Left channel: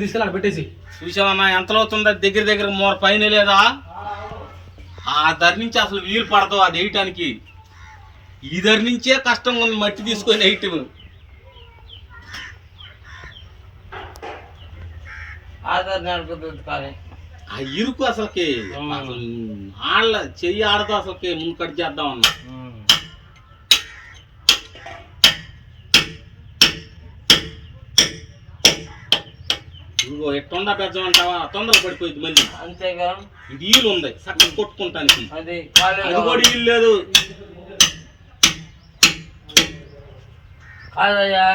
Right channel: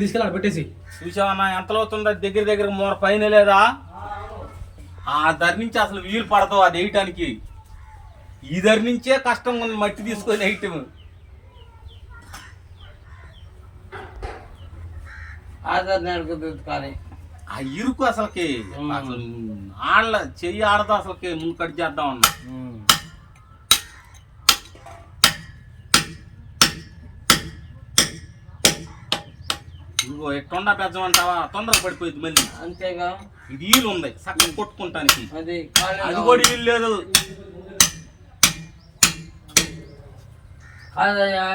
తీసుకెళ్ళి పెట్టేసి. చూసావన్నా ఎంత అవుతుందో దగ్గర దగ్గర మూర పైన లేదా? ఆ ధర నుంచి అసలు వీలు పడదు అది వేయటానికి. ఈ ధర నుంచే కష్టంగా ఉంది మట్టి తీసుకొని వేయటం. ఆధార్ నడుపుతుంది కానీ ఆ ఇరుకు అసలుకి అసలు ఆళ్ళ చెయ్యి ఆడదు అసలుకి ముందు కట్ చేద్దాం అన్నా. ఇదిగో ఎట్టుండా పెద్దమంటావా? తొందర పడిపోయింది మళ్ళీ. అంతేగా? ఇది ఈలు ఉంది చక్కగా కొట్టుకుంటానికి. అది కూడా ఇల్లు లేదు. కాదయ్యా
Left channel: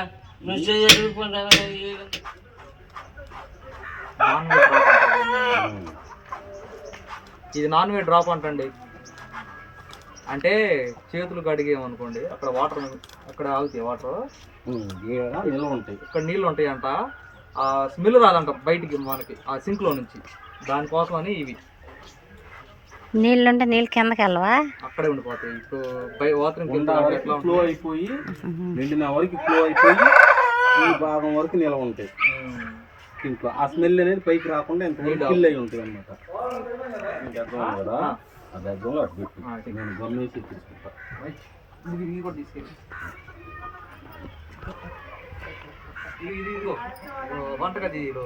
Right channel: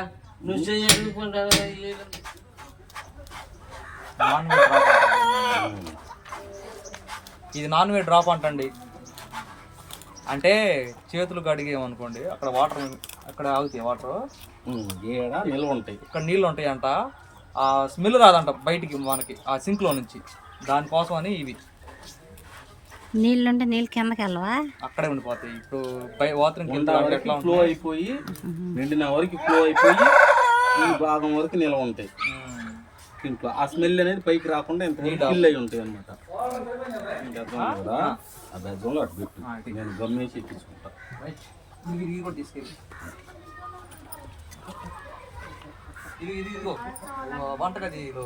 నువ్వు ఇది నాన్ వెజ్ డ్రాప్ అంటండి. అంటే చేతులు కడిగేమనుకోండి అక్కడ వాటర్ అక్కడ ఆగుతాయి వాటర్. ఉంటాయి. ఇక్కడ నీళ్ళు ఉంటాయంట. ఆ స్మెల్ రాదంట బయటికి మనకి ఆ సింక్లో నుంచి. దానికోసం అని ఇవి. నీళ్ళుంటే నీళ్ళు కిందకి వెళ్ళవా? అక్కడే ఉండిపోతాయి. ఇప్పుడు బై కింద ఫ్లో అయిపోయి నిండిన వరకు ఫ్లో అయిపోయి ఈ భాగం వరకు నిల్వ ఉంటాయి. దీంట్లో ఆ స్మెల్ అనేది పైకి రాకుండా ఇంతవరకు ఫిల్ అయి ఉంటుంది అనమాట కదా. నేను గమ్మేసి తీసుకుంటా ఇది ఇది ఇదిగో. ఆ, వంటగది ఇది.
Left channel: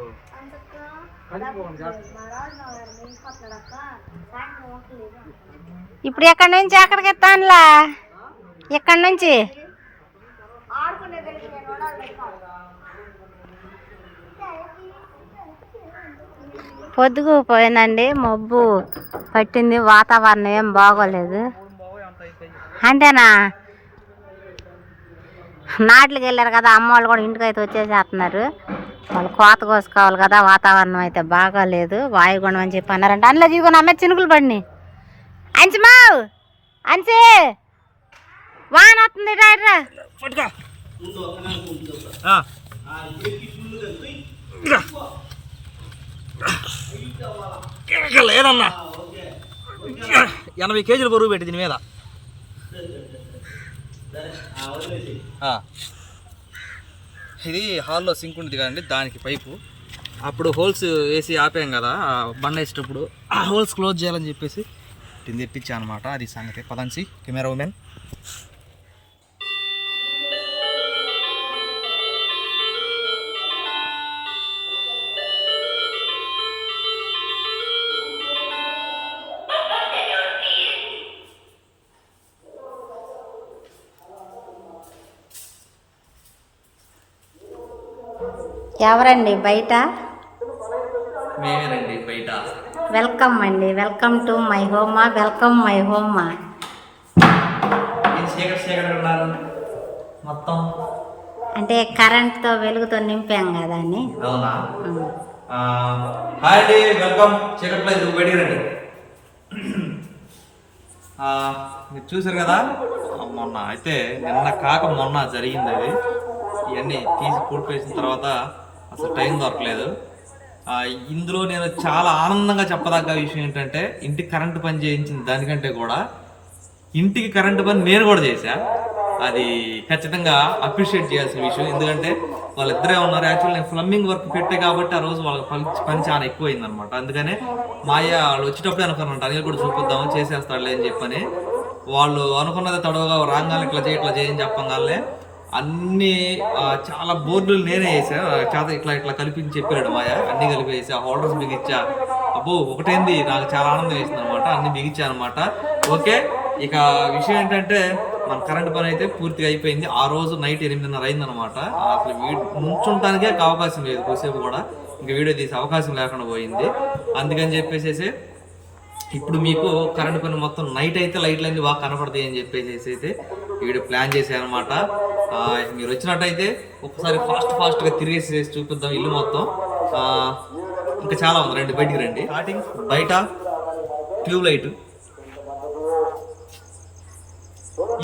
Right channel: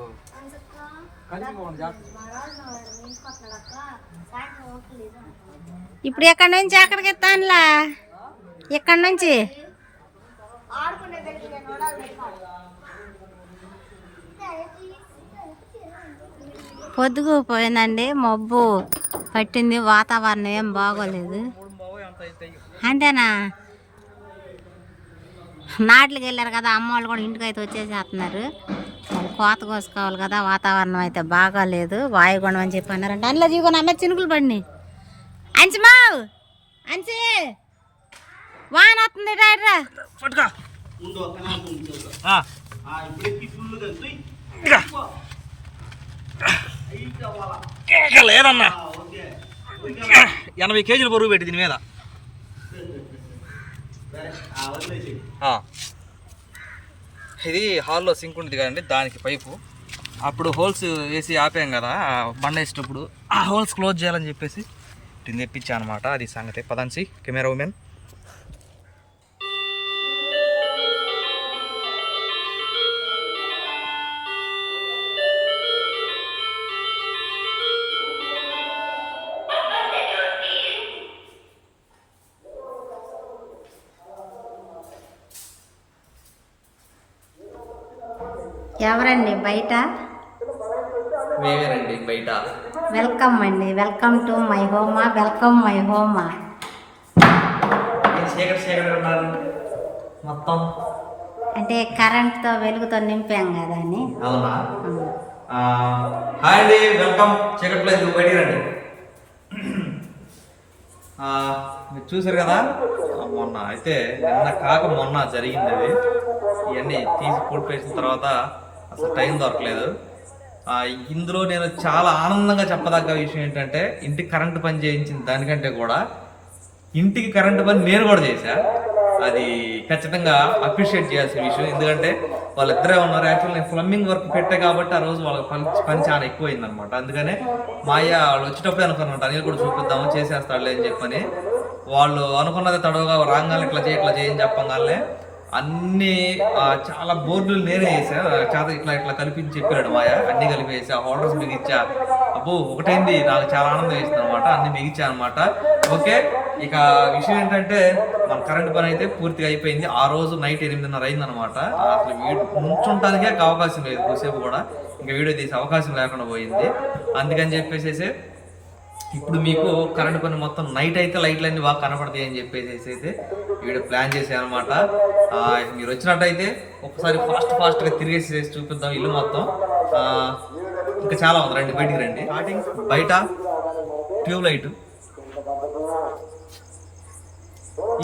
కలిసిపోండి జాగ్రత్త ఇప్పుడు ఎక్కడి నుంచి ఎక్కడికి ఎత్తానులా? ఎక్కడి నుంచి? పొద్దుగు పోయిందండి మబ్బు పట్టింది వాతావరణం ఏం బాగోలేదు. అంతేనా? నాట్లకి వెళ్ళారు కదా అమ్మ వాళ్ళు కూడా ఇంటికి అయితే వచ్చేసేస్తున్నారు. వాళ్ళు కోత కోసుకోవాలి కదా వాతావరణం అయితే బాగోలేదు. వాయుగుణం అని చెప్పి అన్నారంట. అందులో జీవుకొని అమ్మే చినుకులు పడినాయి. అంచమావు అంచే. వాన వస్తుంది రా లేదన్నా. ఎనభై కేజీలు బరువు పెట్టి దీని మీద. ఇది హాల్లో సింక్ ఉంటుంది కదండి దానికి పైపు. అప్పుడు హోల్స్ వేసి ఆపాం కదా బండ వేసేటప్పుడు ఆ హోల్స్ క్లోజ్ చేయాలని చెప్పేసి దీన్ని తెప్పించా అనమాట అది సంగతి. పదంచి కెమెరా ఉమెన్. ఎవరండి బయట? మేమేనండి బయట. వెల్కమ్ అండి. వెల్కమ్ టు మై హోమా. వెల్కమ్ మై హోమా. మొత్తం. అంటే కరెంట్తో వెలుగుతో నింపాం కదా అని? అవునా? హాయ్ అండి. వెల్కమ్. మీరు చూసారు కదా? మొన్న అయితే నిన్న కాక మొన్న జరిగింది అది. ఇవన్నీ తీసి పూర్తి వేసిన తర్వాత అసలు టైం దొరకలేదు. ఇందులో నేను చాలా ఆనందంగా చెప్పదగ్గ విషయం ఏంటంటే ఇంటికి కరెంటు పని చేయించిన దానికంటే కూడా ఇంటికి కరెంటు పని నేను కూడా చేశా. అది ఖచ్చితంగా అప్రిషియేట్ చేయాల్సిన విషయం. ఎందుకంటే వాళ్ళిద్దరే ఉన్నారు. యాక్చువల్ నేను ప్లంబింగ్ వర్క్ పెట్టే కాబట్టి ఆ రోజు వాళ్ళకి పని పని చాలా ఎక్కువైంది అనమాట అందుకనే మాయ వాళ్ళు వచ్చేటప్పుడే అనుకున్నమాట అనిల్ కూడా చూపిద్దాము చేసేస్తాడులే అని చెప్పని. వాళ్ళు అనుకున్నది తడవగా రాగానే ఇట్లా చేయి ఇట్లా చేయని చెప్పగానే అన్ని చాలా బోర్డులు నేనే వేసాను చేత ఇట్లా ఇట్లా కలిపించి చెప్పాడు మాయ. అన్ని కలిపి వేసా. హోల్డర్స్ బిగించా అబ్బో ఒకటైంది? నాకు చాలా ఆనందం వేసింది అనమాట అన్ని బిగించా అనమాట ఓకే ఇక విషయం ఏంటంటే మన కరెంట్ పని అయితే పూర్తిగా అయిపోయింది. ఆ రోజు నైట్ ఎనిమిదిన్నర అయిందనమాట అసలు వీడి నుంచుంటానికే అవకాశం లేదు కొద్దిసేపు కూడా. ఇంకా వీడియో తీసే అవకాశం లేకుండా పోయింది. అందుకని చెప్పేసేసి ఇప్పుడు మీకు కరెంట్ పని మొత్తం నైట్ అయితే లైట్లు బాగా కనపడతాయి అని చెప్పేసి అయితే వీడియో ప్లాన్ చేశాను అనమాట మీరు వచ్చినట్టయితే ఒకసారి ఫాస్ట్ ఫాస్ట్గా తిరిగేసి చూపిద్దాం ఇల్లు మొత్తం. ఇంకా చాలా ఉంది. రండి బయటికి రండి. స్టార్టింగ్ బయట ట్యూబ్ లైట్.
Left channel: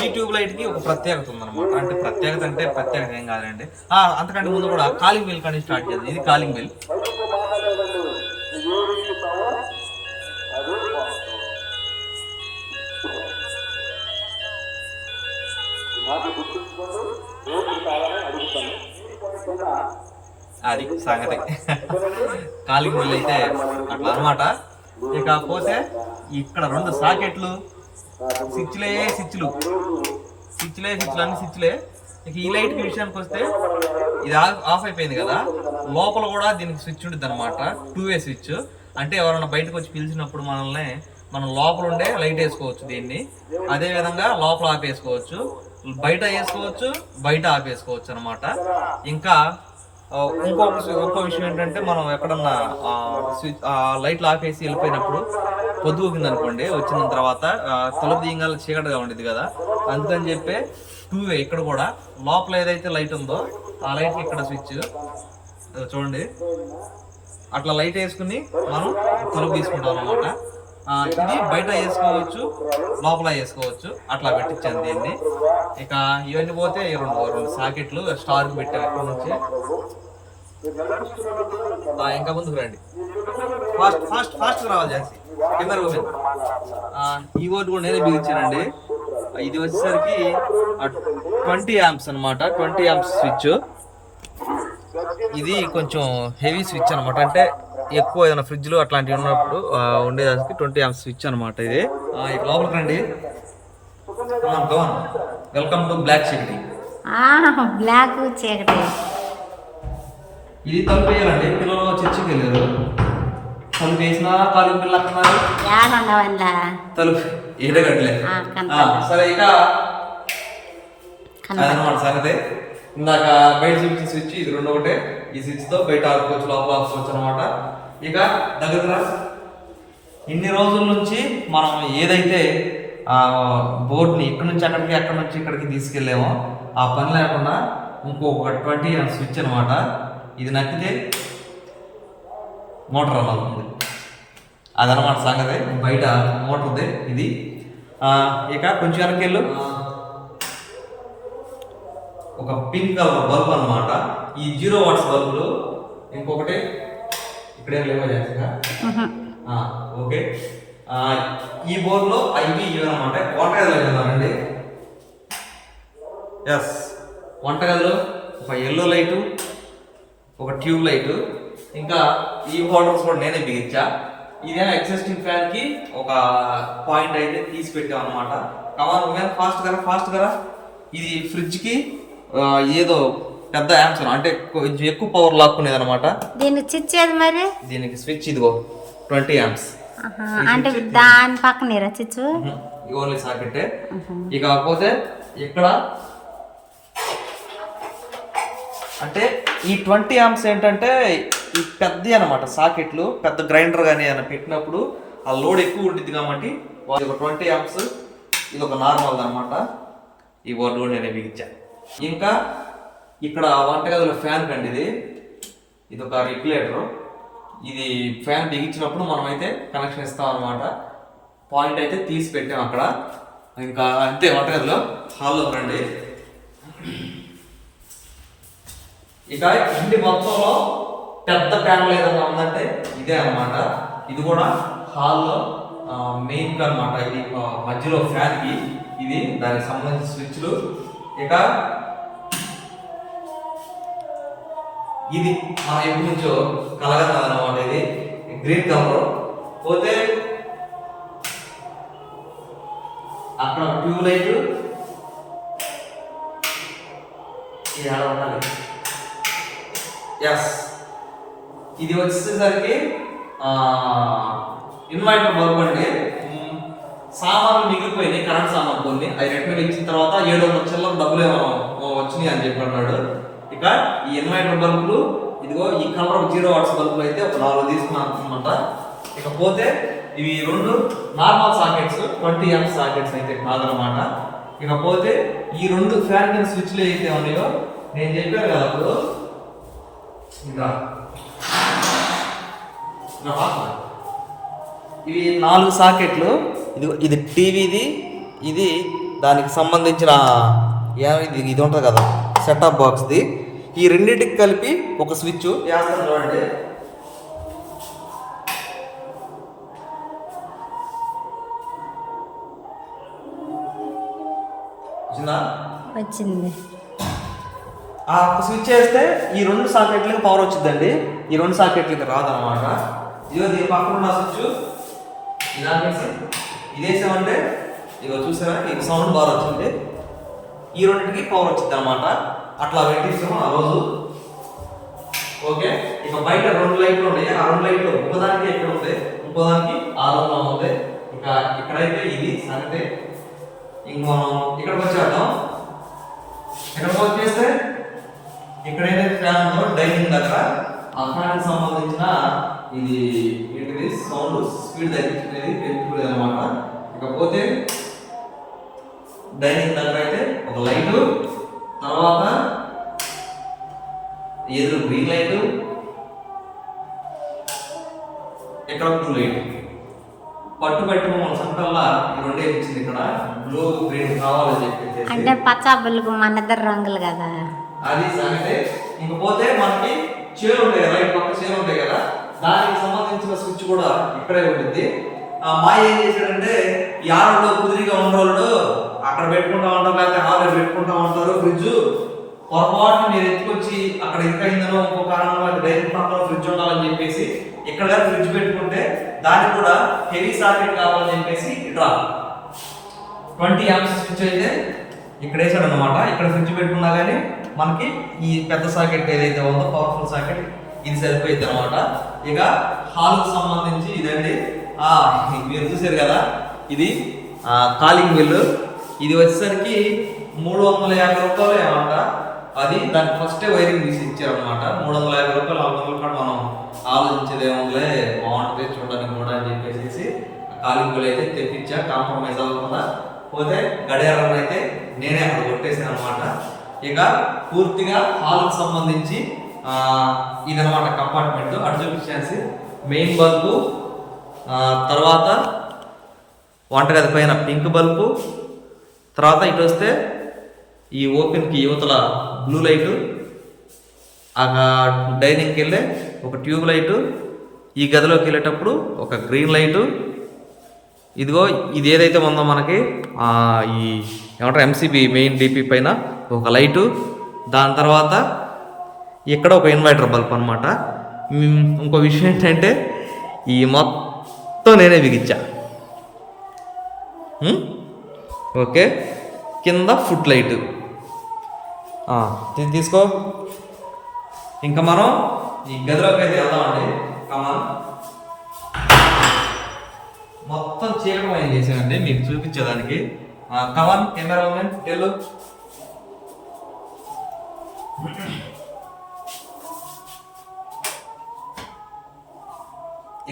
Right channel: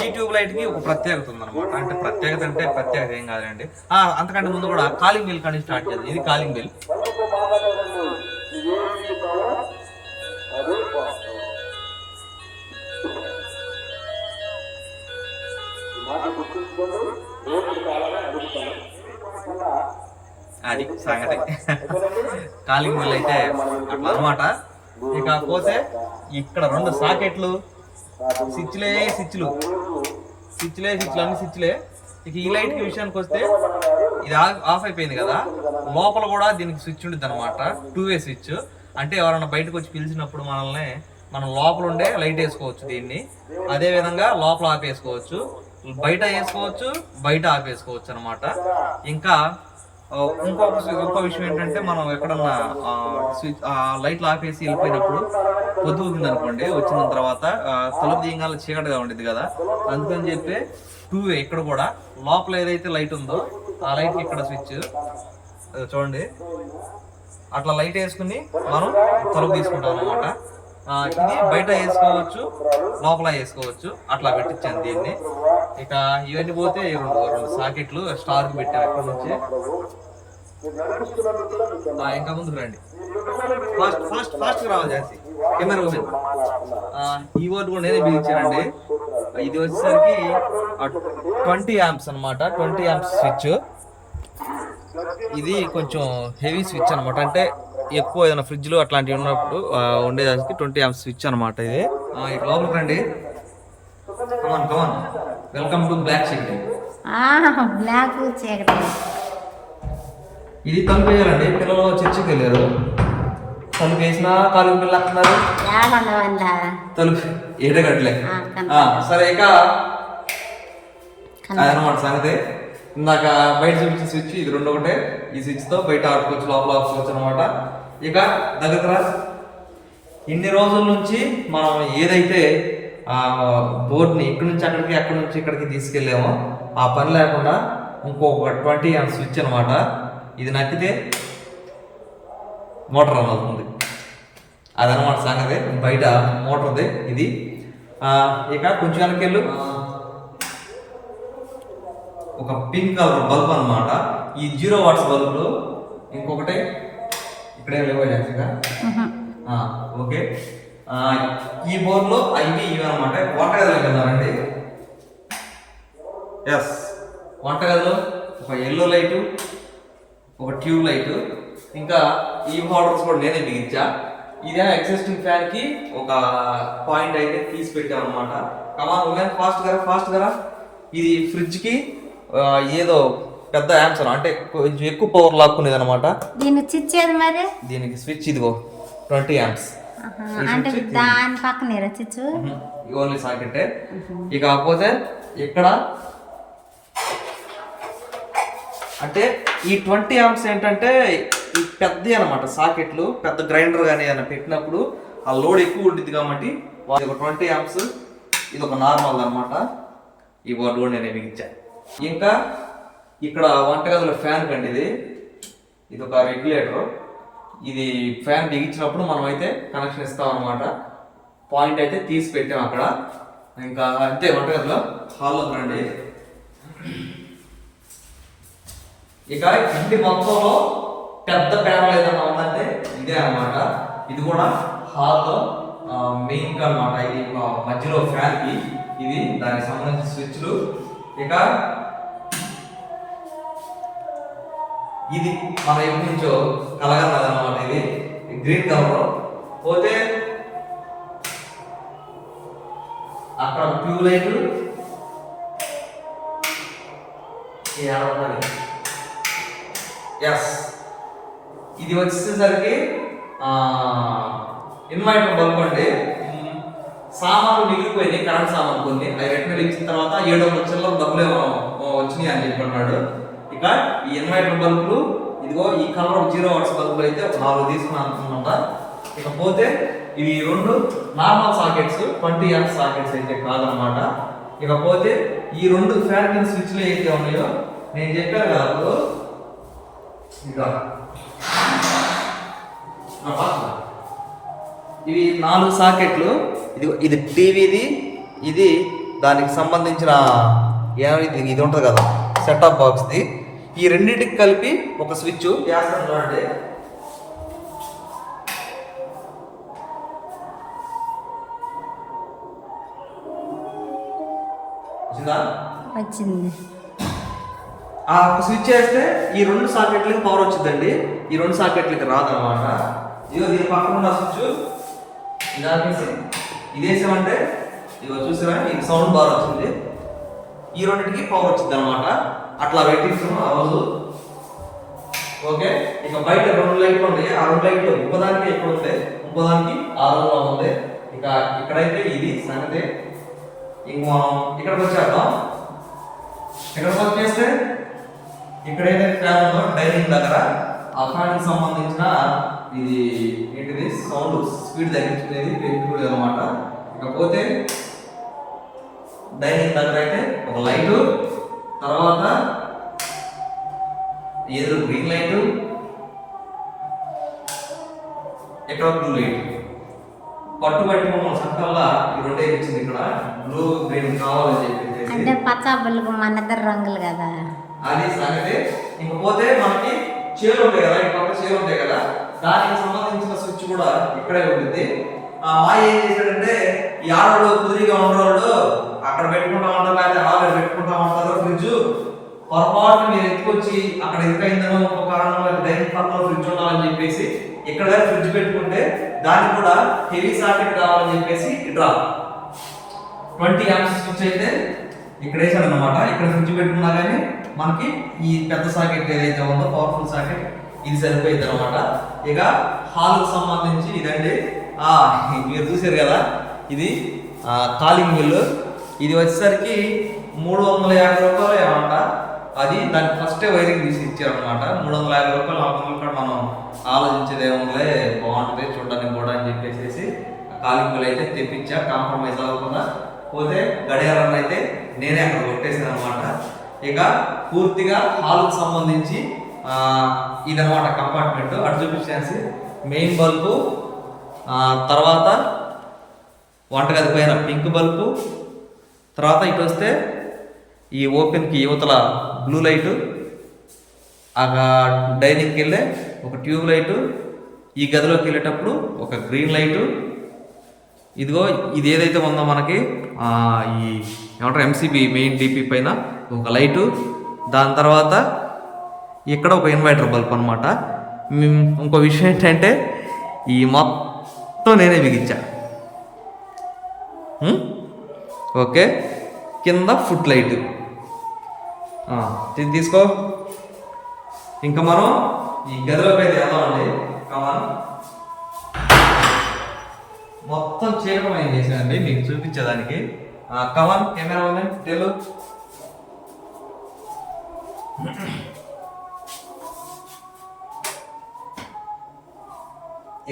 ఈ ట్యూబ్ లైట్కి ఒక ప్రత్యేకత ఉందన్నమాట. అంటే ప్రత్యేకత అంటే ప్రత్యేకత ఏం కాదండి అంతకంటే ముందు కూడా కాలింగ్ బిల్ కానీ స్టార్ట్ చేద్దాం. ఇది కాలింగ్ బిల్. అది సంగతి. కాలింగ్ బిల్ అయితే అట్లా అన్నమాట. ఇక పోతే ఇక్కడ రెండు సాకెట్లు. స్విచ్లే స్విచ్లు. స్విచ్లే స్విచ్లు అన్ని స్విచ్లే. ఇక ఈ లైట్ విషయానికి వస్తే ఇది ఆఫ్ ఆఫ్ అయిపోయింది కదా. లోపల కూడా దీనికి స్విచ్ ఉంటుంది అనమాట టూ వే స్విచ్. అంటే ఎవరైనా బయటకు వచ్చి పిలిచినప్పుడు మనల్ని మనం లోపల ఉండే లైట్ వేసుకోవచ్చు దీన్ని. అదే విధంగా లోపల ఆపేసుకోవచ్చు. బయట వేసుకోవచ్చు బయట ఆపేసుకోవచ్చు అనమాట ఇంకా ఇంకొక ఒక్క ఇంకో విషయం ఏంటంటే మనం ఎక్కడన్నా స్విచ్ లైట్లు ఆపేసి వెళ్ళిపోయినప్పుడు పొద్దుకింది అనుకోండి వచ్చిన తర్వాత తలుపు తీయగాల చీకటిగా ఉండేది కదా. అందుకని చెప్పి టూ వే ఇక్కడ కూడా లోపల ఏదైతే లైట్ ఉందో ఆ లైట్ ఇక్కడ స్విచ్. చూడండి. అట్లా లైట్ వేసుకుని మనం తలుపు తీసుకుంటాం అనమాట ఇది బయట వేసుకోవచ్చు లోపల వేసుకోవచ్చు. అట్లా పెట్టించాను దీన్ని. ఇక ఇవన్నీ పోతే ఈ రెండు రెండు సాకెట్లు స్టార్ పెట్టాను ఎక్కడ నుంచి. ఇంకా ముందుకు రండి. ఫాస్ట్ ఫాస్ట్ ఫాస్ట్ రావాలి చేసి కింద రూమ్ ఈ బోర్డు కూడా నేనే బిగించానండి. ఇది వచ్చేసరికి ట్వంటీ యాంప్స్ అన్నమాట. Twenty amps switch. ఇది కొంచెం హెవీ స్విచ్ అనమాట అంటే ఎక్కువ ఏదైనా ఫ్రిడ్జ్లు అట్లాంటివి ఉన్నప్పుడు ఉండేదానికి ట్వంటీ యాంప్స్ స్విచ్ అనమాట ఇది. లోపలికి రండి. వెల్కమ్ టు బ్లాక్ చీకటి బ్లాక్ చీకటి ఇది తలుపు వేయాలండి. పిల్లలు చర్చికి వెళ్ళారు. తలుపు వేసినా కాలు పిల్లలు అంటున్నారు. తలుపు ఆ, కనపడ్డా. సరే ఇక. అదనమాట సంగతి. ఇందాక బయట చూపించిన స్విచ్ ఇది రెండు ఒకటే. ఈ స్విచ్తో బయట ఆపుకోవచ్చు లోపల ఆపుకోవచ్చు అనమాట ఇక దగ్గర ఇన్ని రోజుల నుంచి మనం ఏదైతే ఆ బోర్డుని ఇక్కడి నుంచి అక్కడికి అక్కడి నుంచి ఇక్కడికి తీసుకెళ్ళామో ఆ పని లేకుండా ఇంకొక ట్వంటీ అని స్విచ్ అనమాట ఇది నక్కితే మోటార్ రన్ అవుతుంది. అదనమాట సంగతి. బయట మోటార్ది ఇది. ఇక కొంచెం వెనకెళ్ళు ఒక పింక్ కలర్ బల్బ్ అన్నమాట. ఈ జీరో వాట్స్ బల్బులు ఇంకొకటి ఇక్కడ ఏం లేవో చేస్తా ఓకే. ఆ, ఈ బోర్డులో అవి ఇవి అనమాట వంటగదిలోకి వెళ్దామండి. ఎస్ వంటగదిలో ఒక ఎల్లో లైటు ఒక ట్యూబ్ లైట్ ఇంకా ఈ హోల్డర్స్ కూడా నేనే బిగించా. ఇదే ఎగ్జిస్టింగ్ ఫ్యాన్కి ఒక పాయింట్ అయితే తీసి పెట్టాం అనమాట కమాన్ ఫాస్ట్గా ఫాస్ట్గా ఇది ఫ్రిడ్జ్కి ఏదో పెద్ద యాంప్స్ అంటే కొంచెం ఎక్కువ పవర్ లాక్కునేది అనమాట దీనికి చిచ్చేది మరి? దీనికి స్విచ్ ఇదిగో ట్వంటీ ఆహా, అంటే దాని పక్కన ఓన్లీ సాకెట్ ఇక కాకపోతే ఇక్కడ అంటే ఈ ట్వంటీ ఆమ్స్ ఏంటంటే ఈ పెద్ద అనమాట సాకెట్లు పెద్ద గ్రైండర్ కానీ ఏమైనా పెట్టినప్పుడు ఆ లోడ్ ఎక్కువ ఉంటుంది కాబట్టి వాళ్ళు ఒక ట్వంటీ ఆమ్స్ ఇది ఒక నార్మల్ అనమాట ఈ బోర్డు కూడా నేను బిగించా. ఇంకా ఇక్కడ వంటగదిలో ఫ్యాన్ కండి ఇది. ఇది ఒక రెగ్యులేటర్. ఇది ఫ్యాన్ బిగించినప్పుడు మనమైతే కనెక్షన్ ఇస్తాం అనమాట పాయింట్ అయితే తీసి పెట్టాం అక్కడ. ఇంకా అంతే వంటగదిలో. హాల్లో రండి ఇక ఇంటి మొత్తంలో పెద్ద ప్యానల్ ఏదైనా ఉందంటే ఇదే అనమాట ఇది కూడా హాల్లో మెయిన్ అనమాట ఇది మధ్యలో ఫ్యాన్కి. ఇది దానికి సంబంధించిన స్విచ్లు. ఇక ఇది మన ఎప్పటి నుంచో కలగన్నదన్నమాట ఇది గ్రీన్ కలర్ పోతే అక్కడ ట్యూబ్ లైట్ ఎస్ ఇది వచ్చేసరికి ఇన్వర్టర్ బల్బ్ అండి. సామాన్లు మిగిలిపోయినాయి కరెంట్ సామాన్లు కొన్ని. అవి రెండు ఇచ్చిన తర్వాత ఏడు వందల చిల్లర డబ్బులు ఏమో వచ్చినాయి అని చెప్పి అన్నాడు ఇక ఈ ఇన్వర్టర్ బల్బులు ఇదిగో ఈ కలర్ జీరో వాట్స్ బల్బులు అయితే ఒక నాలుగు తీసుకున్నాను అనమాట ఇకపోతే ఇవి రెండు normal sockets twenty M sockets అయితే కాదనమాట ఇకపోతే ఈ రెండు ఫ్యాన్ స్విచ్లు అయితే ఉన్నాయో నేను చెప్పాను కదా అప్పుడు ఇంకా. ఇవి నాలుగు సాకెట్లు. ఇది ఇది టీవీది ఇది దానికి సంబంధించిన ఇది ఇది ఉంటుంది కదా సెటప్ బాక్స్ది. ఈ రెండింటికి కలిపి ఒక స్విచ్. వేస్తాను చూడండి. వచ్చిందా? ఆ స్విచ్ చేస్తే ఈ రెండు సాకెట్లకి పవర్ వచ్చిందండి. ఈ రెండు సాకెట్లకి రాదనమాట ఇదిగో దీని పక్కన ఉన్న స్విచ్. ఇదాకేసి ఇదేసామంటే ఇదిగో చూసారా? ఈ సౌండ్ బార్ వచ్చింది. ఈ రెండింటికి పవర్ వచ్చింది అనమాట అట్లా పెట్టిస్తున్నాం ఆ రోజు. ఓకే? ఇక బయట రెండు లైట్లు ఉన్నాయి. ఆ రెండు లైట్లు ఒకదానికి ఎక్కడ ఉంది ఇంకోదానికి ఆ రూమ్లో ఉంది ఇక ఇక్కడైతే ఇది సంగతి. ఇంక మనం ఇక్కడికి వచ్చేద్దాం. ఇక్కడికి వచ్చేస్తే? ఇక్కడ ఏదైతే ఫ్యాన్ ఉందో డైనింగ్ దగ్గర. ఆ ఫ్యాన్కి సంబంధించిన ఇది ఏంటిది? సౌండ్ స్పీడ్ తగ్గించుకునేది పెంచుకునేది అనమాట ఇకపోతే డైనింగ్ దగ్గర అయితే ఒక లైటు. తర్వాత ఎదురు గ్రీన్ లైట్ ఇక్కడ బ్లూ లైట్ పట్టు పట్టి మమ్మల్ని సంటల్లా ఈ రెండే ఇచ్చింది ఇక్కడ. బ్లూ గ్రీన్ కావాలని చెప్పేసి అంటే పచ్చాబులకు మన ఇద్దరు రంగులు కదా. అది సంగతి. ఇంకపోతే మనకి చీరలు ఉంటాయి కదా ఈ పక్క చీరలు ఉంటాయి కదా దానికి సంబంధించిన స్విచ్ కూడా ఇక్కడే ఉంటుంది. ఆ మాయ ఏం చేశాడంటే ఈ ఆడలో కుదిరిగా ఉండరోళ్ళు అక్కడ పెట్టుకుంటా ఉంటారు లేకపోతే హాల్ పెట్టుకుంటా ఉంటారు. ఫ్రిడ్జ్ పొరపాటున మీరు ఎత్తుకొచ్చి అక్కడ ఎందుకైందనో ఒక కారణం వల్ల డైనింగ్ పక్కన ఫ్రిడ్జ్ ఉండాలని చెప్పేసి ఇక్కడ దగ్గర ఫ్రిడ్జ్ పెట్టుకుంటే దానికి కూడా హెవీ సాకెట్ కావాలని చెప్పేసి డ్రా. ట్వంటీ యాప్స్ స్విచ్ అయితే ఇక్కడ వేసాడు అనమాట ఇక్కడ ఫ్రిడ్జ్ పెట్టుకున్నా కానీ మనకి ఈ పెద్ద సాకెట్ ఏదైతే ఉందో పవర్ఫుల్ సాకెట్ ఇది సరిపోయింది అనమాట ఇక హాల్కి సంబంధించి ఇదండి. మీరు చూసారు కదా ఇది కాలింగ్ బిల్లు. ఇది వచ్చేసరికి మూడు వందల యాభై రూపాయలు ఏమంట? అది దాని ఫస్టే వైరింగ్ తీసి ఇచ్చారనమాట మూడు వందల యాభై రూపాయలు నాలుగు వందల కూడా మనం ఆలోచించదేమోలే బాగుంటుంది చూడడానికి కూడా అని చెప్పేసి కాలింగ్ అయితే తెప్పించా కాంప్రమైజ్ అవ్వకుండా. పోతే గడియారం అయితే నేనే అక్కడ కొట్టేసాను అనమాట ఇక పూర్తిగా హాల్కి సంబంధించి ఇదనమాట కంపార్ట్మెంట్ అటు చూపించేసి మెయిన్ బల్బు తర్వాత వంటగది పైన పింక్ బల్బు తర్వాత ఇటు వస్తే ఈ ఓపెన్కి యువతల బ్లూ లైటు ఆ డైనింగ్కి వెళ్ళే ఒక ట్యూబ్ లైటు ఈ గదిలోకి వెళ్ళేటప్పుడు ఒక గ్రీన్ లైటు. ఇదిగో ఇది ఏదైతే ఉందో మనకి ఈ ఏమంటారు ఎంసీబీ మెయిన్ డీపీ పైన ఒక లైటు. దాని తర్వాత ఇక్కడ ఒక ఇన్వర్టర్ బల్బ్ అనమాట ఇంకో విషయం ఏంటంటే ఈ మొత్తం నేనే బిగించా. ఓకే. కింద ఫుట్ లైట్ ఇది తీసుకో. ఇంకా మనం ఈ గదిలోకి అయితే వెళ్దామండి కమన్ మొత్తం చీకటమయం చేశానండి మీకు చూపించేదానికి. కమన్ కెమెరా ఉంది. తెలు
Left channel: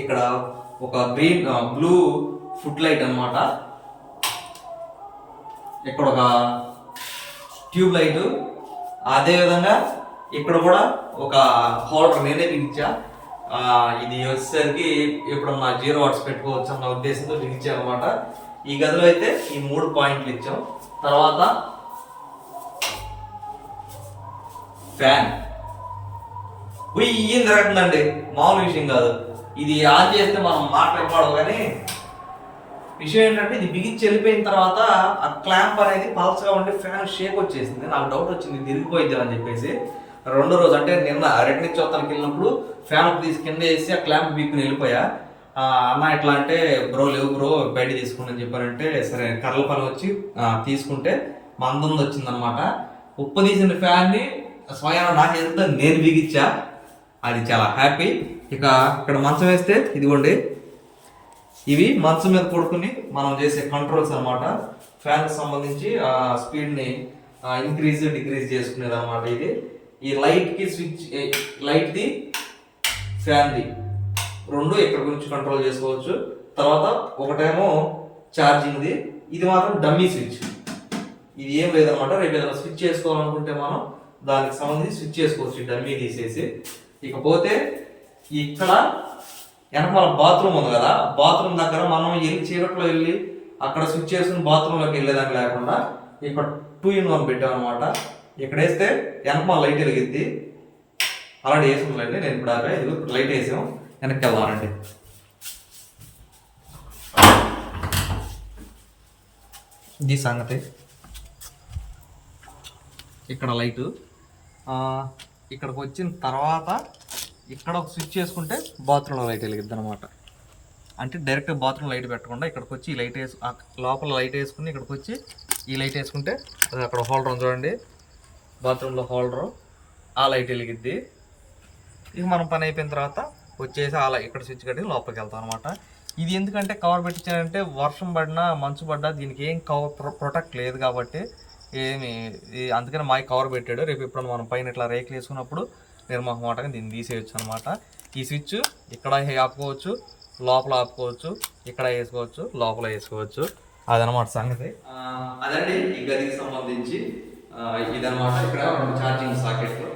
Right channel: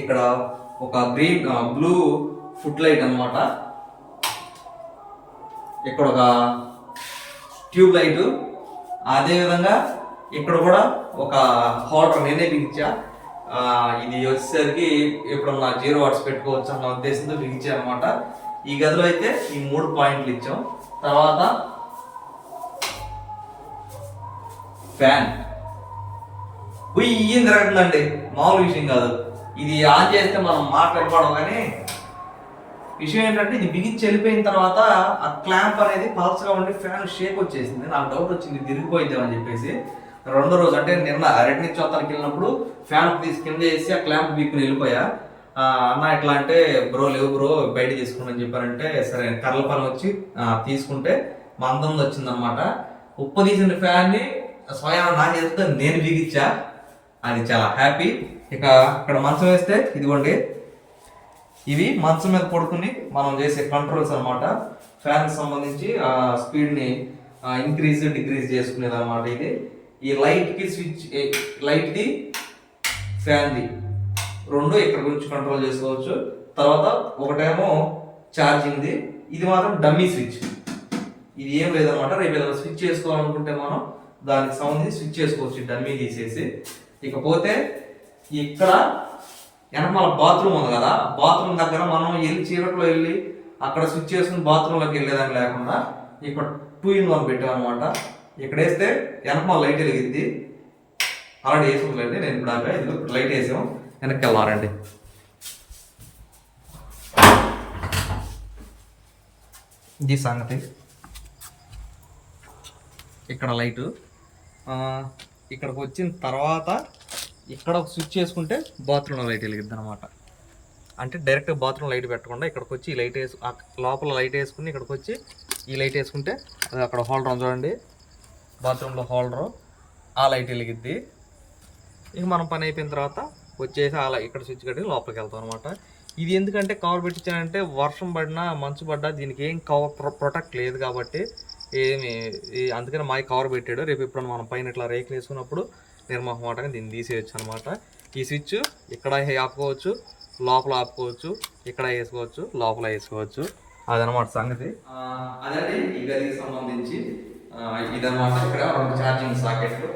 ఇక్కడ ఒక గ్రీన్ బ్లూ ఫుట్ లైట్ అనమాట ఇక్కడ ఒక ట్యూబ్ లైట్. అదేవిధంగా ఇక్కడ కూడా ఒక హోల్డర్ నేనే బిగించా. ఇది వచ్చేసరికి ఇప్పుడు నా జీరో వాట్స్ పెట్టుకోవచ్చు అన్న ఉద్దేశంతో బిగించా అనమాట ఈ గదిలో అయితే ఈ మూడు పాయింట్లు ఇచ్చాం. తర్వాత ఫ్యాన్. ఉయ్యం తిరగట్లండి మామూలు విషయం కాదు. ఇది ఆన్ చేస్తే మనం మాట్లాడుకోవడం కానీ విషయం ఏంటంటే ఇది బిగించి వెళ్ళిపోయిన తర్వాత ఆ క్లాంప్ అనేది పల్స్గా ఉండి ఫ్యాన్ షేక్ వచ్చేసింది. నాకు డౌట్ వచ్చింది తిరిగిపోయిద్దామని చెప్పేసి. రెండో రోజు అంటే నిన్న రెడ్ని చోతలకి వెళ్ళినప్పుడు ఫ్యాన్ తీసి కింద వేసి ఆ క్లాంప్ బీక్ని వెళ్ళిపోయా. అన్న ఎట్లా అంటే బ్రో లేవు బ్రో బయట తీసుకుని చెప్పారంటే సరే కర్రల పని వచ్చి తీసుకుంటే మందం వచ్చిందనమాట. ఉప్పు తీసిన ఫ్యాన్ని స్వయం నా చేతితో నేను బిగించా. అది చాలా హ్యాపీ ఇక ఇక్కడ మంచం వేస్తే ఇదిగోండి. ఇవి మంచం మీద పడుకుని మనం చేసే కంట్రోల్స్ అనమాట ఫ్యాన్కి సంబంధించి ఆ స్పీడ్ని ఇంక్రీజ్ డిక్రీజ్ చేసుకునేది అనమాట ఇది. ఈ లైట్కి స్విచ్ లైట్ది ఫ్యాన్ది రెండు ఇక్కడ గురించి కంట్రోల్ చేసుకోవచ్చు. తర్వాత ఒకటేమో ఛార్జింగ్ది ఇది మాత్రం డమ్మీ స్విచ్ ఇది ఏం లేదనమాట రేపు ఏదైనా స్విచ్ చేసుకోవాలనుకుంటే మనం దానికి సంబంధించి స్విచ్ చేసుకోవచ్చు డమ్మీ తీసేసి. ఇకపోతే ఇక్కడ వెనకమాల బాత్రూమ్ ఉంది కదా బాత్రూమ్ దగ్గర మనం వెళ్ళి చీకట్లో వెళ్ళి అక్కడ స్విచ్ చేసుకుని బాత్రూంలోకి వెళ్ళేదానికి లేకుండా ఇక్కడ టూ ఇన్ వన్ పెట్టాం అనమాట ఇక్కడ వేస్తే వెనకమాల లైట్ వెలిగిద్ది. ఆల్రెడీ వేసుకుందండి నేను ఇప్పుడు అక్కడ ఇది ఇప్పుడు లైట్ వేసాం. వెనక్కి వెళ్ళాలండి ఇది సంగతి. ఇక్కడ లైటు ఇక్కడికి వచ్చిన తర్వాత ఇక్కడ ఒక స్విచ్ చేసుకుంటే బాత్రూంలో లైట్ వెలిగిద్ది అనమాట అంటే డైరెక్ట్ బాత్రూమ్ లైట్ పెట్టకుండా ఇక్కడికి వచ్చి ఈ లైట్ వేసు లోపల లైట్ వేసుకుని ఇక్కడికి వచ్చి ఈ లైట్ వేసుకుంటే అది అక్కడ హోల్డర్ ఉంది చూడండి. బాత్రూంలో హోల్డరు. ఆ లైట్ వెలిగిద్ది. ఇక మనం పని అయిపోయిన తర్వాత వచ్చేసి అలా ఇక్కడ స్విచ్ కట్టి లోపలికి వెళ్తాం అనమాట ఇది ఎందుకంటే కవర్ పెట్టించానంటే వర్షం పడినా మంచు పడ్డా దీనికి ఏం కవర్ ప్రొ- ప్రొటెక్ట్ లేదు కాబట్టి ఏమి అందుకని మాయ కవర్ పెట్టాడు. రేపు ఇప్పుడు మనం పైన ఇట్లా రేకులు వేసుకున్నప్పుడు నిర్మహమాటంగా దీన్ని తీసేయచ్చు అనమాట ఈ స్విచ్ ఇక్కడ ఆపుకోవచ్చు లోపల ఆపుకోవచ్చు ఇక్కడ వేసుకోవచ్చు లోపల వేసుకోవచ్చు. అదనమాట సంగతి. అదండి ఈ గదికి సంబంధించి ఇదనమాట ఇక్కడ రెండు ఛార్జింగ్ సాకెట్లు.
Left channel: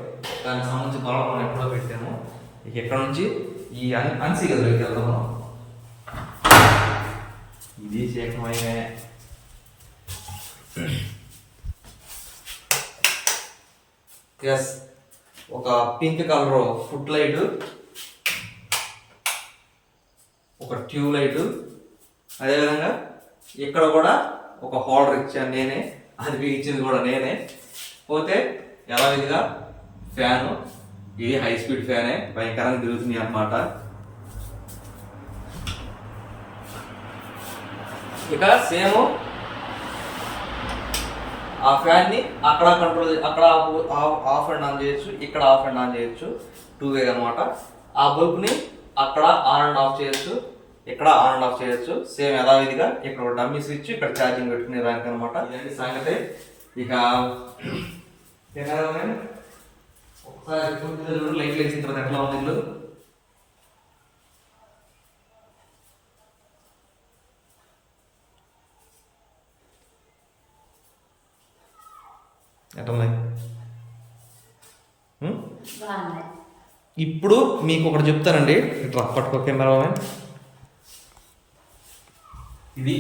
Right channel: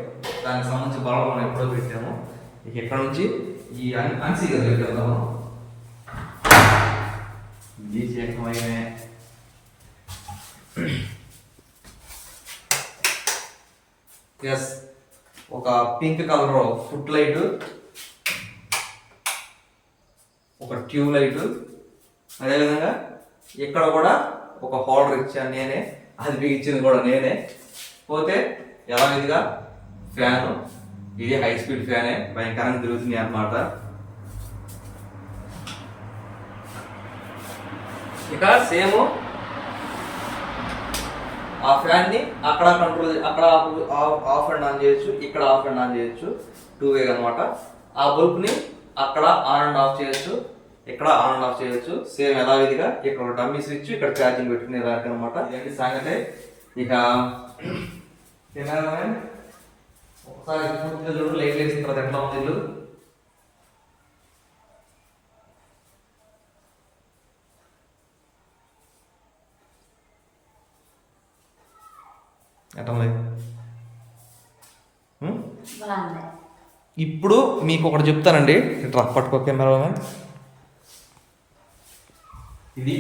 దానికి సంబంధించి బల్బ్ మనం ఎప్పుడో పెట్టాము. ఇక ఇక్కడ నుంచి ఈ అన్ అన్సీ గదిలో ఇది శేఖమయ్యే ఎస్ ఒక పింక్ కలర్ ఫుట్ లైట్ ఒక ట్యూబ్ లైట్ అదేవిధంగా ఇక్కడ కూడా ఒక హోల్డర్ ఇచ్చాను నేనే అది బిగించింది కూడా నేనే. పోతే యథావిధిగా ఫ్యాను ఇది హై స్పీడ్ ఫ్యానే భయంకరంగా తిరుగుతుంది అన్నమాట. ఇక సేమ్ ఆ ఫ్యాన్ని అక్కడ కంట్రోల్ అక్కడ ఆఫ్- ఆఫ్ అండ్ ఆన్ చేయొచ్చు ఇక్కడ ఆఫ్ అండ్ ఆన్ చేయొచ్చు టూ వే అనమాట ఆ బల్బ్ని అక్కడ ఆన్ అండ్ ఆఫ్ చేయొచ్చు ఇక్కడ ఆన్ అండ్ ఆఫ్ చేయొచ్చు సేమ్ యథావిధిగా ఇక్కడ ఒక డమ్మీ స్విచ్ ఇక్కడ ఛార్జింగ్ పెట్టుకునే దానికి అనమాట ఇదేంటి సంగతి. ఇక ఒకసారి పూర్తిగా చూడు లైట్లు వేసిన తర్వాత ఎట్లా ఉంది బాగుంది. ఇప్పుడు మీకు ఒకటి చెప్తానండి. ఇట్లా పట్టుకో కెమెరా ఇది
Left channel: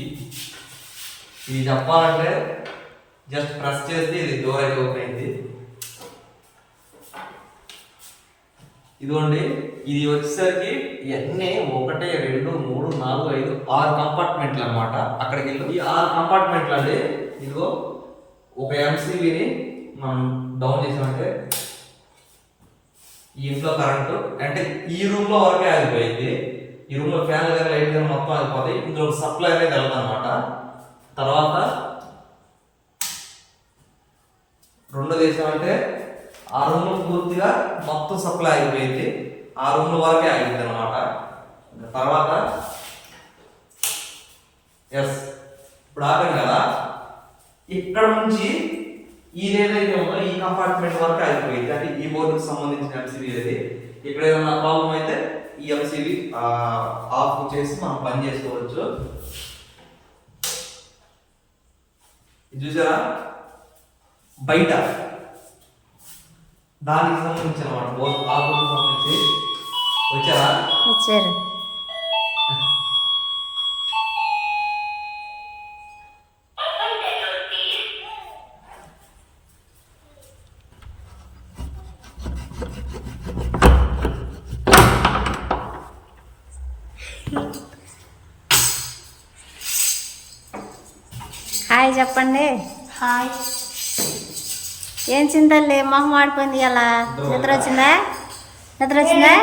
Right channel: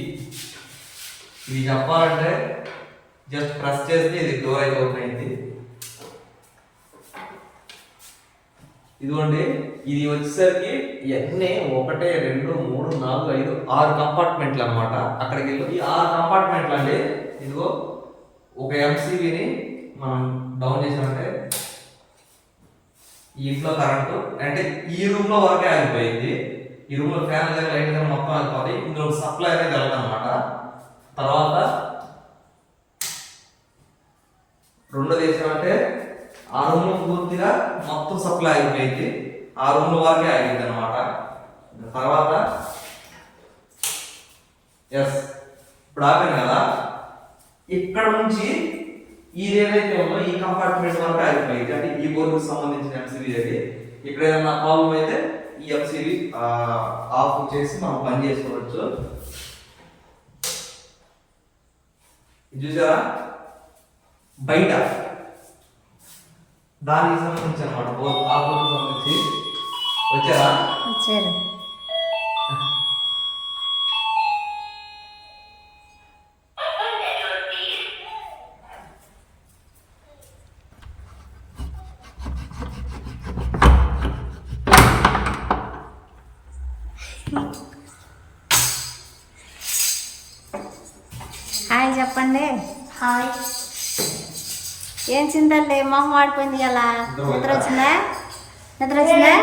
ఇది చెప్పాలంటే జస్ట్ ప్రెస్ చేస్తే ఇది డోర్ అయితే ఓపెన్ అయింది. ఇదిగోండి ఇది వచ్చేసరికి ఇవన్నీ ఒకటే రెండు మూడు నాలుగు ఐదు ఆరు కంపార్ట్మెంట్లు అన్నమాట అక్కడికి వెళ్ళి ఈ ఆరు కంపార్ట్మెంట్లు అండి ఇదిగో ఒక ఎంసీబీని మనం డౌన్ చేసామంటే ఈ ఇంట్లో కరెంటు అంటే ఈ రూమ్లో వరకే ఆగిపోయింది. ఈ రూమ్లో ఫ్యాన్ కానీ లైట్ కానీ మొత్తం ఆగిపోతాయి. ఇందులో సప్లై అనేది వెళ్ళదన్నమాట తర్వాత రెండు ఏమంటే ఆ రూమ్లో పూర్తిగా మొత్తం సప్లై ఆగిపోయింది. ఆ రూమ్ వరకే ఆగింది అనమాట తర్వాత ఎస్ ఇప్పుడు ఆపాను కదా. ఇక్కడ నుంచి ఇది ఏదైతే ఉందో ఈ కంపార్ట్మెంట్ వరకు ఆగిపోయింది. అంటే ఈ బోర్డుకు సంబంధించిన ఎంసీబీ అది ఇక్కడ ఏదైనా ప్రాబ్లం అయితే ఈ ఎంసీబీ ఆఫ్ చేసి మనం పని చేసుకోవచ్చు. చూసారా? బయట దానికి సంబంధించిన అనమాట బోర్డు ఆ బోర్డుకి సంబంధించి వచ్చారా? వచ్చారు. చెప్పండి. హాయ్. ఏం చింతలే మొహం వాడిపోయింది ఎలా నిద్ర వచ్చిందా? నిద్ర వచ్చిందా?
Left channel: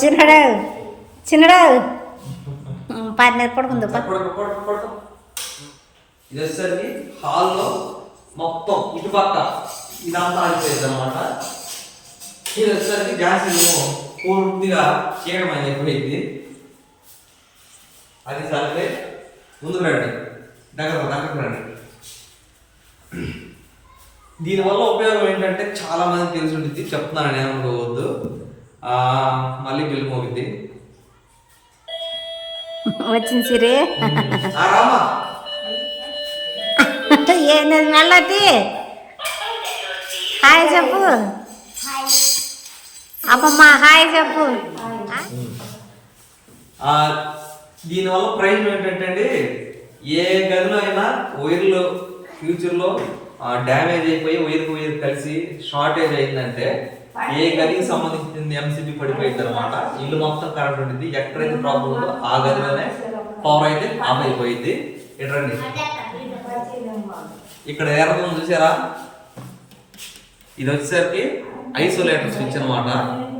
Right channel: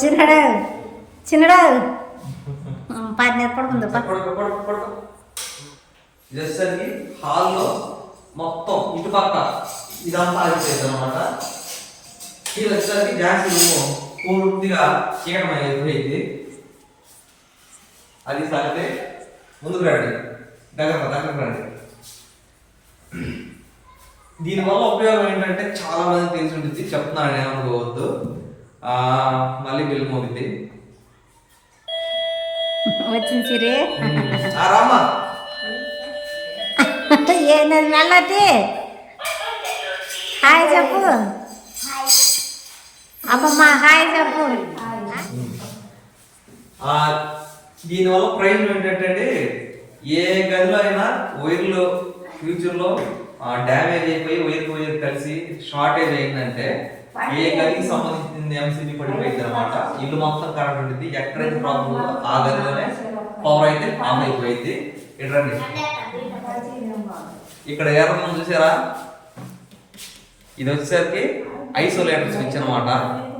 చిన్నడు చిన్నడు. పది నిద్ర పడుకుంది పా. పడుకో, పడుకో, పడుకో. ఇది వచ్చేసరికి హాల్లో మొత్తం ఇటు పక్క ఇదంతా ఆగిపోయింది అనమాట ఇది వచ్చేసరికి రూమ్ పూర్తిగా చీకటమైన అయిపోయింది. అది సంగతే ముందుకు రండి. దగ్గర దగ్గరకు రండి దీనివల్ల ఉపయోగం ఏంటంటే చాలా మంది తెలిసి ఉంటుంది చెప్తున్నాను ఏమనుకోవద్దు. ఆ, మళ్ళీ బిల్లు మోగింది. వచ్చింది సిరి. రామా. ఏంది మెల్లటి హాయ్ చెప్పు. అమ్మమ్మ హాయ్ చెప్పు. దీనివల్ల ప్రయోజనం ఏంటంటే అండి ఏ గదిలో అయినా వైర్లు ఫ్యూచర్లో డ్యామేజ్ అయిపోయి వైర్ వైర్ కలిసి షార్టేజ్ అయిందంటే ఏ గదికి సంబంధించింది ఎంసీబీ పడిపోయింది అనమాట ఇల్లు మొత్తం కరెంట్ ఉంటుంది ఎక్కడైతే ప్రాబ్లం ఉందో ఆ గదిలోనే పవర్ అయితే ఆన్ అయిపోయింది ఇటండి ఇక్కడ ఎర్రదం చూసారా? ఇది వచ్చేసరికి ఐసోలేటర్ స్విచ్ అనమాట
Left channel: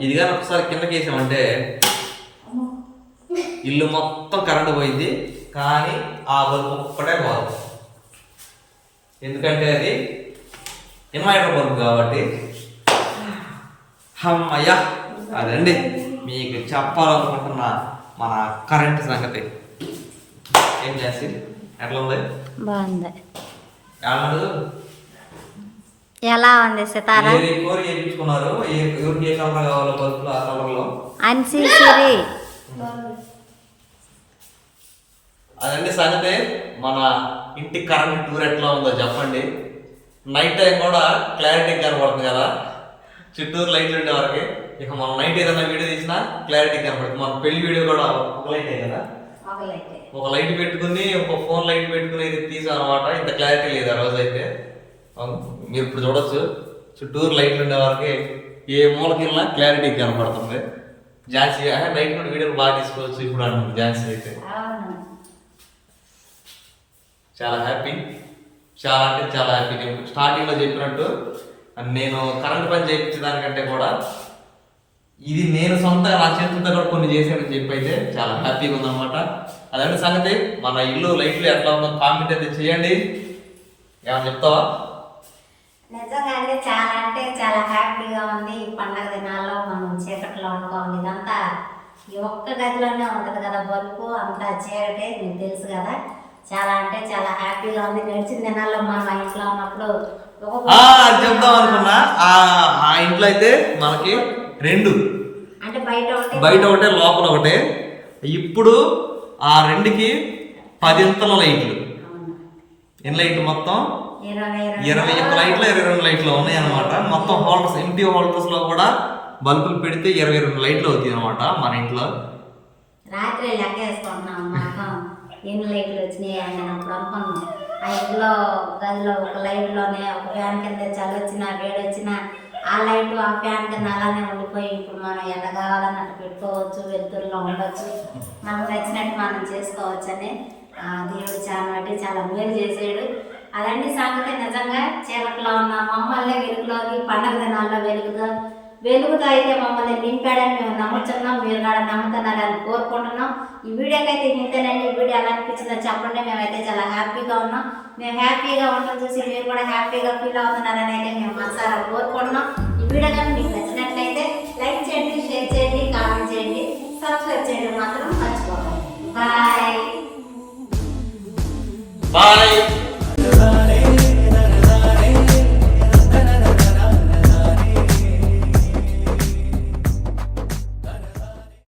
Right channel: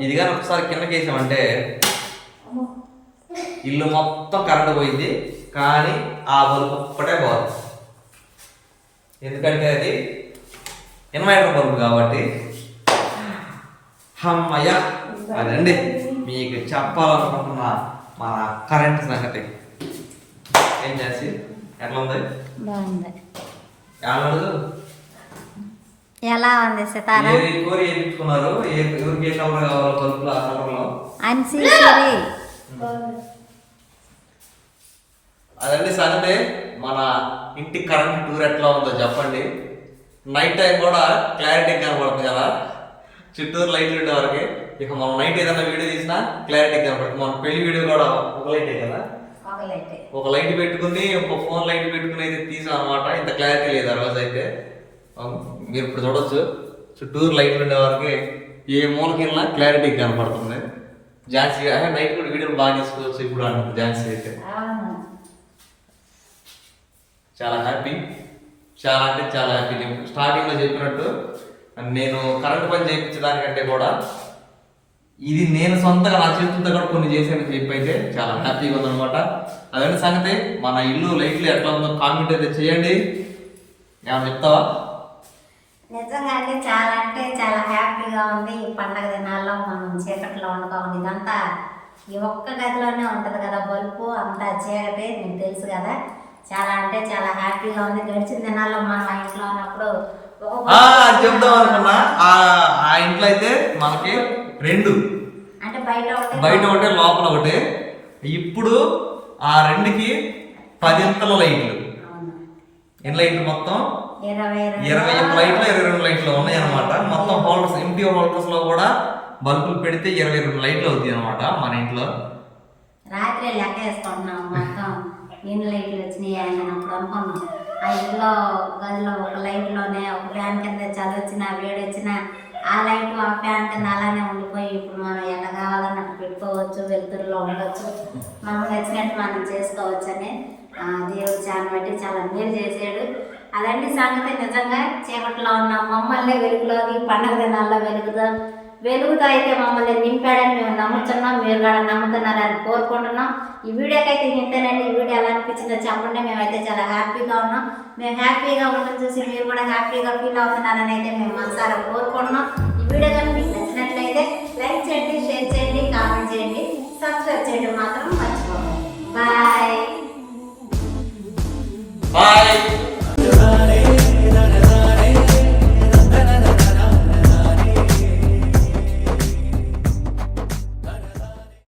ఇది కానీ ఒకసారి కిందకి వేసామంటే ఇల్లు మొత్తం కరెంట్ పోయింది. కానీ ఆ బల్బు ఒక్కటే పోదు. ఎందుకంటే అది ఇన్వర్టర్ బల్బు కాబట్టి. అమ్మయ్యా అదండి. మీకు చెప్పాలనుకుంటున్న మన కరెంట్ సంగతి. ఏం చేసి? ఎట్లా ఉంది? బాగుంది. ఏమన్నాడు ఎలా ఉంది సితారా? ఏ ఎవరికి ఏ కలర్ కావాలో బల్బులు ఆ కలర్లో అన్సీ అదండి సంగతి. మన ఇంటి కరెంట్ టూర్ ఎట్లా ఉందో చెప్పండి. నైట్ టైం కూడా క్లారిటీ కనబడుతుంది కదా. చుట్టూరు లైట్లు ఉండే వరకు. ఇక మనం నైట్ ఏదైనా వీడియో తీసినా క్లారిటీ కనబడుతుంది. మన పెళ్ళి వీడియో కూడా ఒక లైటే కదా? ఒక లైట్ పెట్టుకుని ఒక ఫోన్ లైట్ పెట్టుకుని అయితే తీసాం అనమాట ఇంత క్లారిటీ లేదు ఆ రోజు అయితే. మీరు ఇప్పుడు చూడొచ్చు. చుట్టూరు లైట్లు ఉండే వరకు ఏ మూలకి వెళ్ళినా క్లారిటీ కనపడుతుంది ఝాన్సీ నైట్ కూడా వీడియోలు బాగా తీసుకోవచ్చు ఇప్పుడు అంటుంది ఝాన్సీ అయితే. చాలా హ్యాపీ చాలా అంటే చాలా హ్యాపీ స్టార్టింగ్లో చెప్పినట్టు నేను కరెంట్ పని చేయించడానికంటే కూడా ఇది నేను సొంతంగా నా చేతులతో కూడా కొన్ని చేశానని చెప్పి అయితే చాలా హ్యాపీగా ఉందన్నమాట. అదంటే సంగతి మన ఇల్లు లైట్లు ఎట్లా ఉందో కామెంట్ అయితే చేయండి. ఏమన్నా చెప్తావా? నిజంగా అంటే చాలా అంటే చాలా హ్యాపీగా ఉంది. ఈ పండగ దినాల్లో మనం చీకట్లో ఉండకుండా ఇదంతా ఈ ఒక్క గదిలోనే ఉంటుంది కదా బరుపు అంతా చీకటే మీకు తెలుసు కదా. చాలా అంటే చాలా హ్యాపీగా ఉంది. గడిచిన దినాల్లో మనం ఆ ఇంట్లో ఉన్నప్పుడు. అది చెప్దాం అనుకున్నా. ఆ ఇంట్లో అయితే మనకి రెండు. అంటే బయట ఒకటి బయట ఒకటే లోపల ఒకటే. ఇప్పుడు ఆ రెండుకి పదింతల లైట్లు. ఎన్ని లైట్లు మొత్తం? ఇరవై ఒక్క లైట్లు ఇరవై రెండు లైట్లు ఉన్నాయి అనమాట మొత్తం హోల్డర్స్ ఎంటీ హోల్డర్స్లో కూడా బల్బులు పెడితే ఇరవై రెండు లైట్లు అవుతాయి అనమాట మన ఇంట్లో. రాత్రి లెక్క వేసుకుంటున్నాం మొత్తం. ఎన్ని లైట్లు వచ్చినాయి అని నేను అప్పుడు అనుకున్నాను. ఆ ఇంట్లో గదిలో ఒక లైట్లోనే ఒక ఫ్యాన్ కింద చలి వచ్చినా వేడి వచ్చినా ఆ లైట్ ఆ ఫ్యాన్ కింద అలానే ఉండిపోయి ఇప్పుడు మనం ఎంత అటు పెట్టుకోవచ్చు వెలుతురులో ఉండొచ్చు. మనకు నచ్చినట్టు మనం చేసుకోవచ్చు అని ఆ దేవుడు చాలా బట్టి చాలా మేలు చేసాడు అలాంటి సంగతి. నిజంగా చీకట్లో ఉన్న మమ్మల్ని వెలుగులోకి పండగ దినాల్లో వెలుగుదా వెలుగుతో అయితే మమ్మల్ని నింపాడని మేము నమ్ముతున్నాం మీరు కూడా నమ్ముతున్నారని కోరుకుంటున్నాం. ఈ వీడియోకి అయితే ఇంతేనండి ఈ వీడియో ఎలా అనిపించిందో చెప్పండి. మేమైతే చాలా హ్యాపీగా ఉన్నాం. మేము హ్యాపీగా ఉండడం చూసి మీరు కూడా హ్యాపీగా ఫీల్ అవుతున్నారని అయితే మేము మనసారా కోరుకుంటున్నాం. ఈ వీడియో కానీ మీకు నచ్చినట్లయితే లైక్ చేయండి షేర్ చేయండి కామెంట్ చేయండి. సబ్స్క్రైబ్ చేయడం మాత్రం మర్చిపోకండి. Bye bye